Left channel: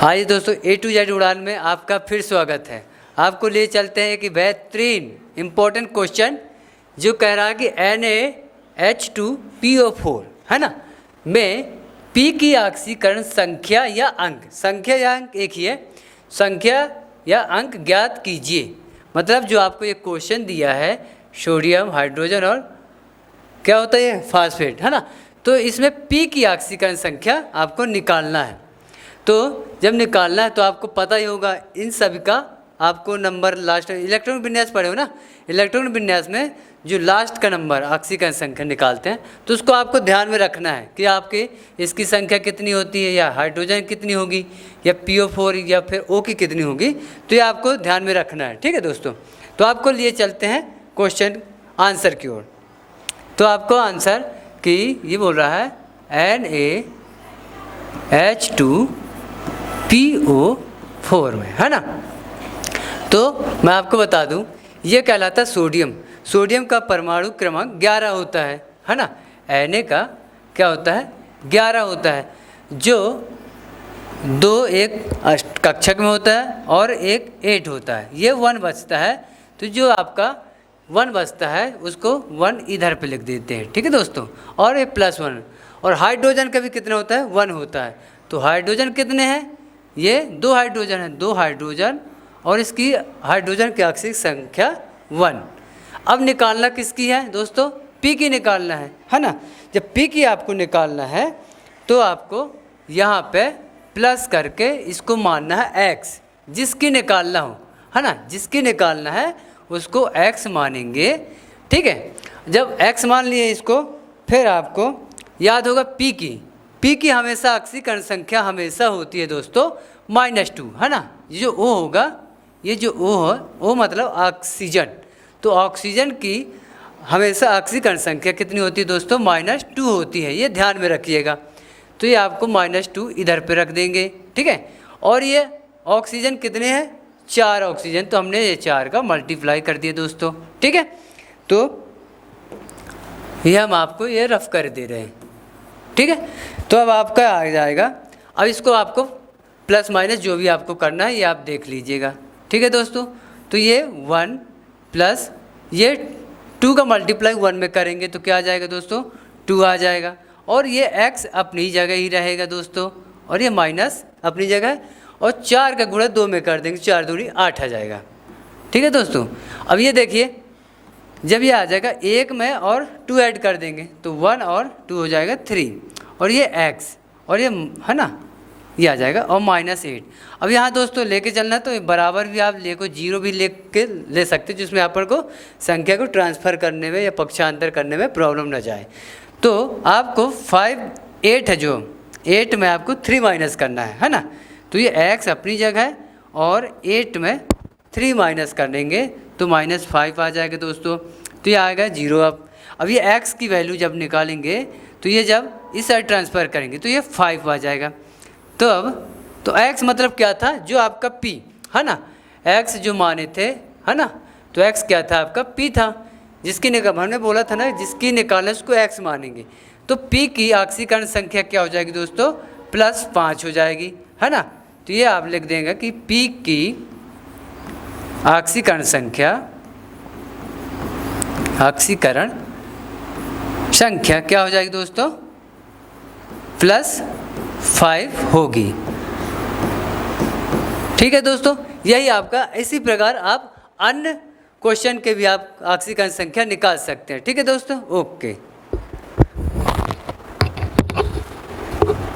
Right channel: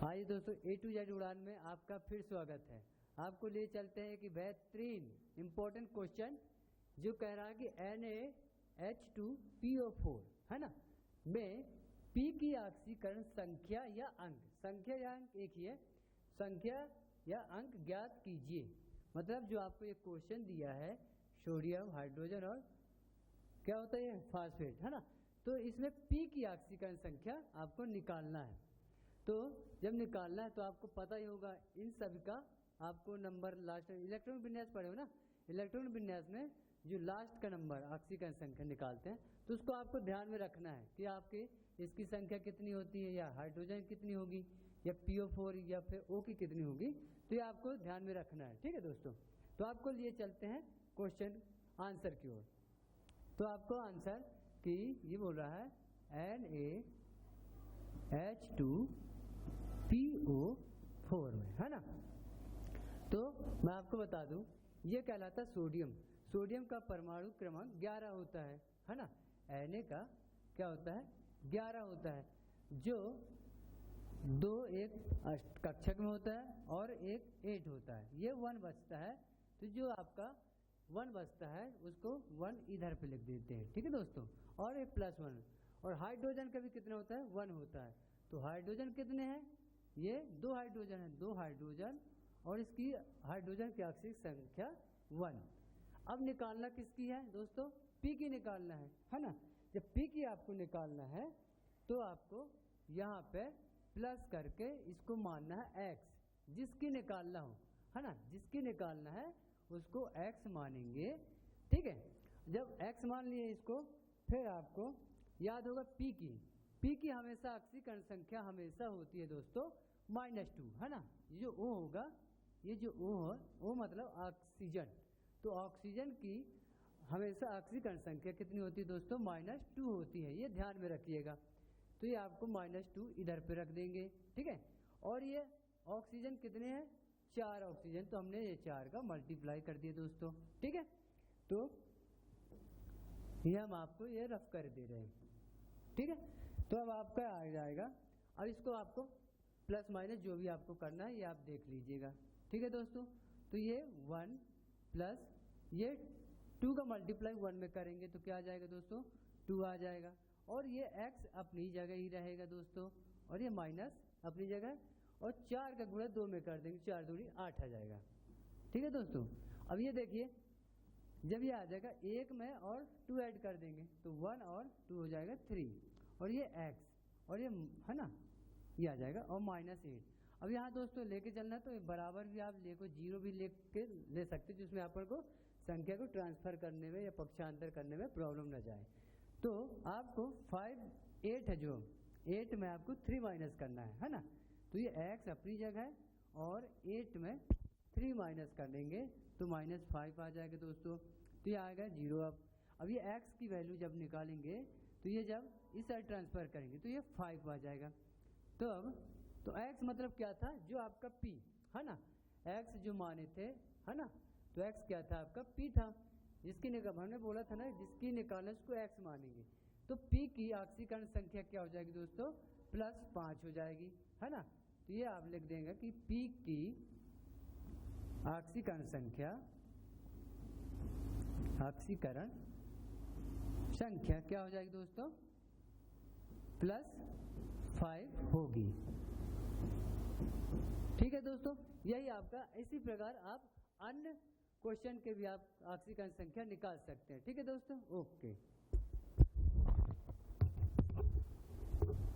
आइए दोस्तों, ए to Z उड़ान में आपका फिर स्वागत है। आपको ले चलते हैं कि बेहतरीन इम्पोर्टेंट क्वेश्चन जो कह रहा है कि NaH2PO4 है ना में P की ऑक्सीकरण संख्या या अंक, संख्या या अंक एक ही है, संख्या या अंक ज्ञात कीजिए। मतलब जो आपको ये क्वेश्चन दिया है सोडियम, हाइड्रोजन और क्या होता है ये फास्फेट है ना, तो इसमें P की ऑक्सीकरण संख्या आपको निकालना है। तो जब निकालना है तो आपको पता ही होगा इन सभी का आपको नंबर लास्ट इलेक्ट्रॉन विन्यास पढ़े हो ना, इलेक्ट्रॉन विन्यास में जो लास्ट का नंबर ऑक्सीकरण संख्या निकालते हैं तो उसको आपको ध्यान में रखना है कि आपके इसकी संख्या कितनी होती है, या हाइड्रोजन कितनी होगी, या PO4 या फिर O की कितनी होगी, तो ये आपको ध्यान में रखना है। ठीक है दोस्तों, तो आपको लिए चलते हैं क्वेश्चन आंसर की ओर। तो आपको आंसर कि ये बोल रहा है NaH2PO4 में है ना। तो मैं आपको बता दूं ये कहलाता सोडियम। सोडियम का परमाणु क्रमांक 11 होता है ना। Na का क्या होता है 11 होता है, जो 2 एक कक्षक में होता है और एक 8 होता है, ये 1 बचता है। तो जो आपका 1 बचता है उसको 1 इधर पे लिख देते हैं। ठीक है दोस्तों, और ये +1। और हाइड्रोजन का भी कितना होता है 1 होता है। तो हाइड्रोजन कितने हैं, ये 2 हाइड्रोजन है, 2 हाइड्रोजन और इसकी हाइड्रोजन की ऑक्सीजन संख्या 1। अब निकालना किसकी है दोस्तों, P की निकालना है ना। जब P की आपको निकालना है तो आपको यहाँ पे प्लस करके इसको मानना है X, जिसकी निकालना हो है ना, जिसकी निकालना है उसको X मानेंगे। ठीक है, जब X मान लिए इसको, फिर आपको याद होगा P की हमेशा ऑक्सीकरण संख्या हमेशा होती है दोस्तों -2 है ना। ये जो O होगा, ये जो O है, O मतलब ऑक्सीजन, तो ऑक्सीजन की हमेशा ऑक्सीकरण संख्या कितनी होती है दोस्तों -2 होती है, ये ध्यान में रखिएगा। तो ये आपको -2 इधर पे रख देंगे। ठीक है, और ये ऑक्सीजन कितने हैं 4 ऑक्सीजन, तो हमने ये 4 का मल्टीप्लाई कर दिया दोस्तों। ठीक है, तो ये हम आपको ये रफ कर दे रहे हैं। ठीक है, तो अब आपका आ जाएगा, अब इसको आपको प्लस माइनस जो भी आपको करना है ये आप देख लीजिएगा। ठीक है दोस्तों, तो ये 1 प्लस ये 2 का मल्टीप्लाई 1 में करेंगे तो क्या आ जाएगा दोस्तों 2 आ जाएगा, और ये x अपनी जगह ही रहेगा दोस्तों, और ये माइनस अपनी जगह, और 4 का गुणा 2 में कर देंगे, 4 दूनी 8 आ जाएगा। ठीक है दोस्तों, अब ये देखिए जब ये आ जाएगा 1 में और 2 ऐड कर देंगे तो 1 और 2 हो जाएगा 3, और ये x और ये है ना ये आ जाएगा, और -8। अब यहाँ दोस्तों लेके चलना है तो बराबर भी आप लेको 0 भी ले सकते, जिसमें आप को संख्या को ट्रांसफ़र करने में या पक्षांतर करने में प्रॉब्लम ना जाए। तो आपको 8 है, जो 8 में आपको 3 माइनस करना है ना। तो ये x अपनी जगह है और 8 में 3 माइनस कर देंगे तो -5 आ जाएगा दोस्तों। तो ये आएगा 0। अब ये x की वैल्यू जब निकालेंगे तो ये जब इस साइड ट्रांसफ़र करेंगे तो ये 5 आ जाएगा। तो अब तो x मतलब क्या था, जो आपका P है ना, x जो माने थे है ना, तो x क्या था आपका P था, जिसकी हमने बोला था ना जिसकी निकालना उसको x मानेंगे। तो P की ऑक्सीकरण संख्या क्या हो जाएगी दोस्तों +5 हो जाएगी है ना। तो ये आप लिख देंगे कि P की ऑक्सीकरण संख्या क्या हो जाएगी दोस्तों +5 होगी। ठीक है दोस्तों, यही आपका, इसी प्रकार आप अन्य क्वेश्चन के भी आप ऑक्सीकरण संख्या निकाल सकते हैं। ठीक है दोस्तों, ओके।